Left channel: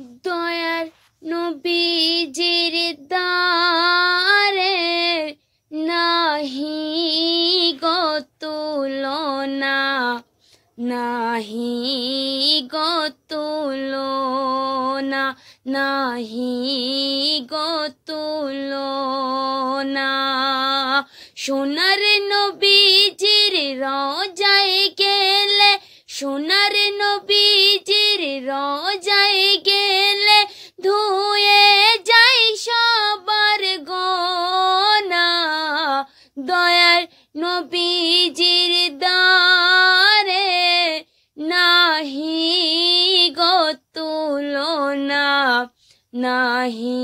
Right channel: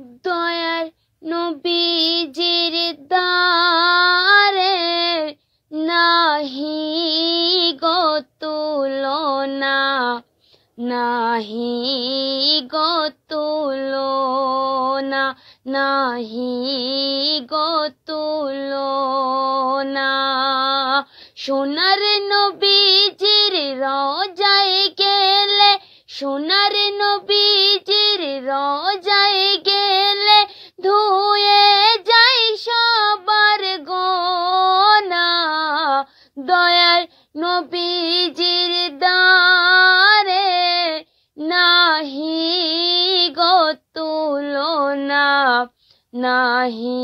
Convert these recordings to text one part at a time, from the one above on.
দয়ার নবীজির দারে নাহি গো তুলনা, নাহি গো তুলনা, নাহি গো তুলনা। সোনার নবীজির রোজায় গেলে, সোনার নবীজির রোজায় গেলে ধুয়ে যায় সবার গোনা। দয়ার নবীজির দারে নাহি গো তুলনা, নাহি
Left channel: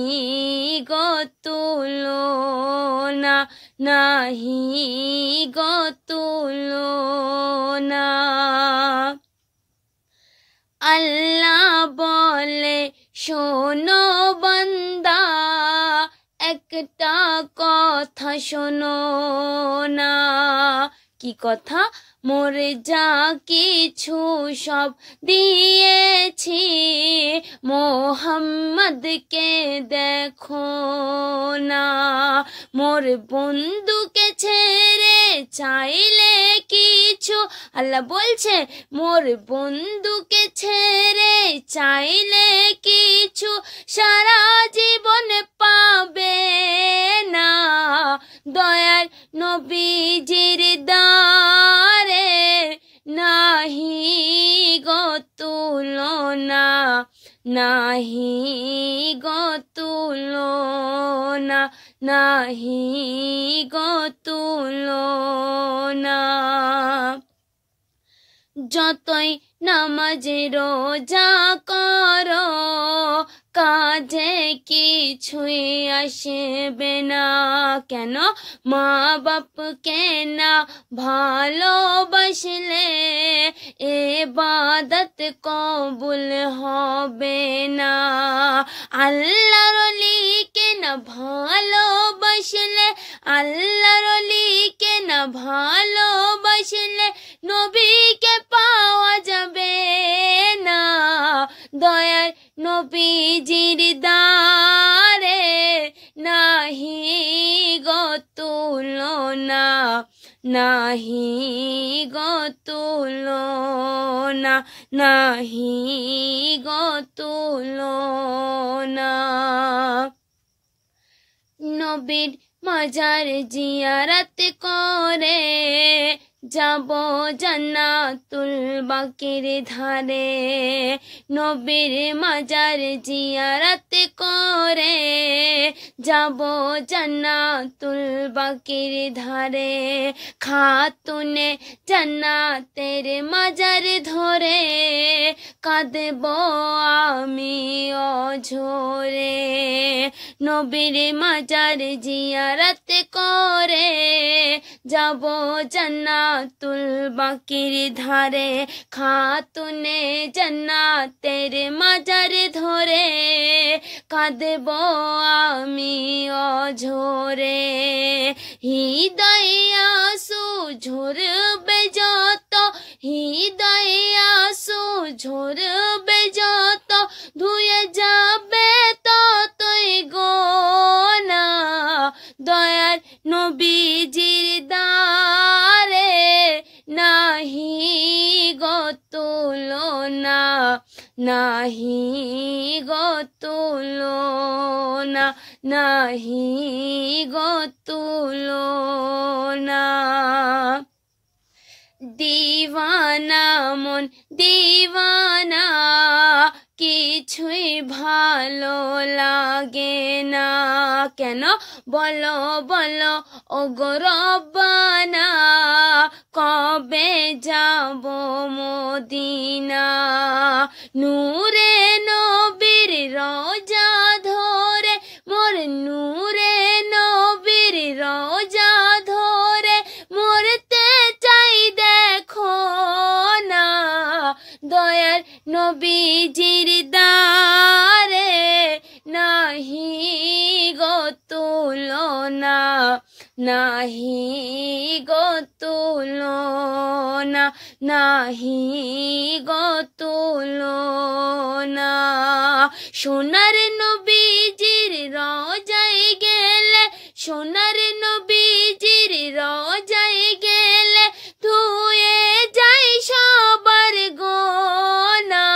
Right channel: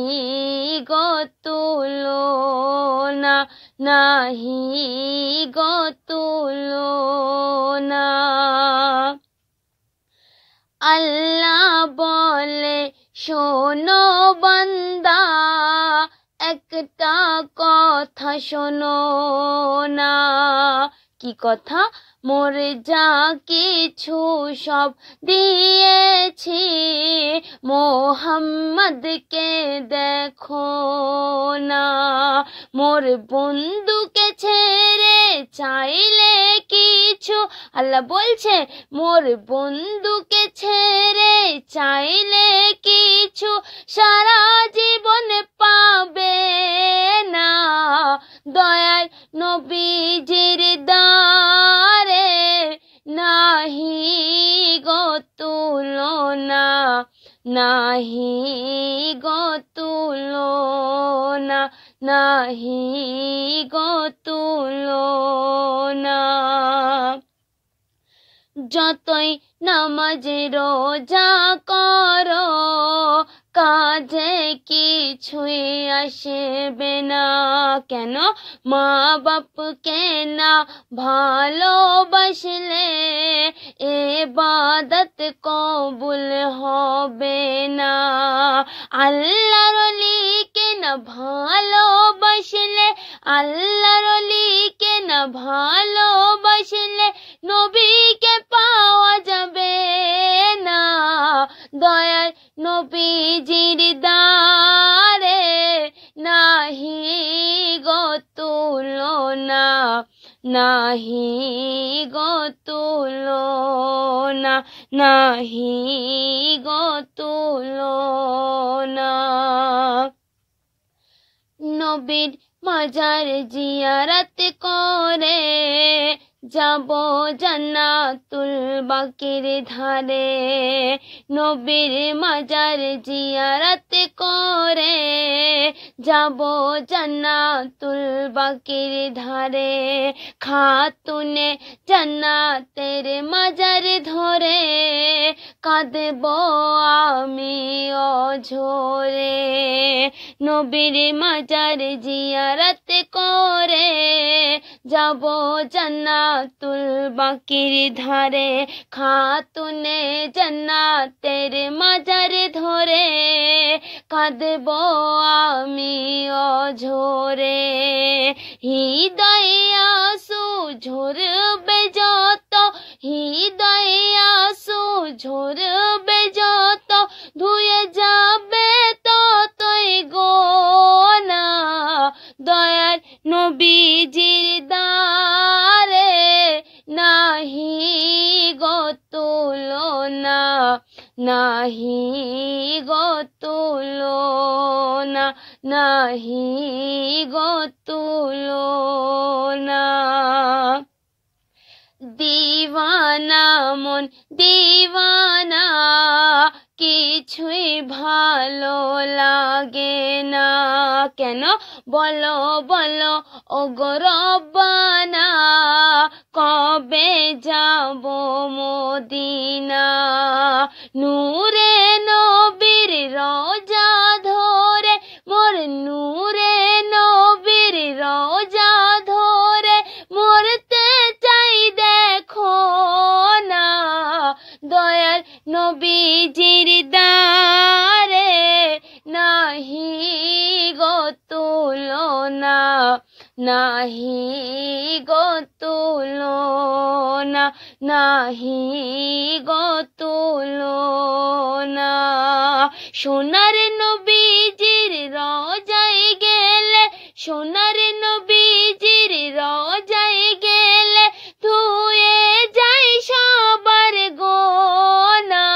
গো তুলনা, নাহি গো তুলনা। আল্লাহ বলে শোনো বান্দা, একটা কথা শোনো না। কি কথা? মোরে যা কিছু সব দিয়েছি, মোহাম্মদকে দেখো না। মোর বন্ধুকে ছেড়ে চাইলে কিছু, আল্লাহ বলছে মোর বন্ধুকে ছেড়ে চাইলে কিছু সারা জীবন পাবে না। দয়ার নবীজির দারে নাহি গো তুলনা, নাহি গো তুলনা, নাহি গো তুলনা। যতই নামাজ রোজা করো, কাজে কিছুই আসবে না। কেন? মা বাপকে না ভালোবাসলে ইবাদত কবুল হবে না। আল্লাহর ওলিকে না ভালোবাসলে, আল্লাহর ওলিকে না ভালোবাসলে নবীকে পাওয়া যাবে না। দয়ার নবীজির দারে নাহি গো তুলনা, নাহি গো তুলনা, নাহি গো তুলনা। নবীর মাজার জিয়ারত করে যাব জান্নাতুল বাকির ধারে। নবীর মাজার জিয়ারত করে যাব জান্নাতুল বাকির ধারে। খাতুনে জান্নাতের মাজার ধরে কাঁদব আমি অঝরে। নবীর মাজার জিয়ারত করে যাব জান্নাতুল বাকির ধারে। খাতুনে জান্নাতের মাজার ধরে কাঁদব আমি অঝরে। হৃদয়ে আঁসু ঝরবে যত, হৃদয়ে আঁসু ঝরবে যত, ধুয়ে যাবে ততই গোনা। দয়ার নবীজির দারে নাহি গো তুলনা, নাহি গো তুলনা, নাহি গো তুলনা। দিওয়ানা মন দিওয়ানা, কিছুই ভালো লাগে না। কেন? বলো বলো ওগো রব্বানা, কবে যাব মদিনা? নূরে নবীর রোজা ধরে, মোর নূরে নবীর রোজা ধরে মরতে চাই দেখো না। দয়ার নবীজির দারে নাহি গো তুলনা, নাহি গো তুলনা, নাহি গো তুলনা। সোনার নবীজির রওজায় গেলে, সোনার নবীজির রওজায় গেলে ধুয়ে যায় সবার গোনা।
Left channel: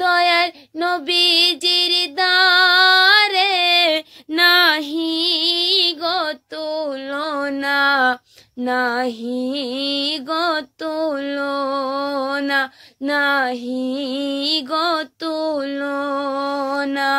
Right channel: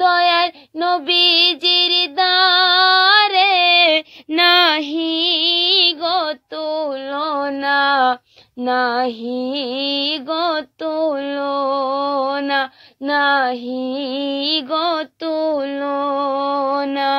দয়ার নবীজির দারে নাহি গো তুলনা, নাহি গো তুলনা, নাহি গো তুলনা।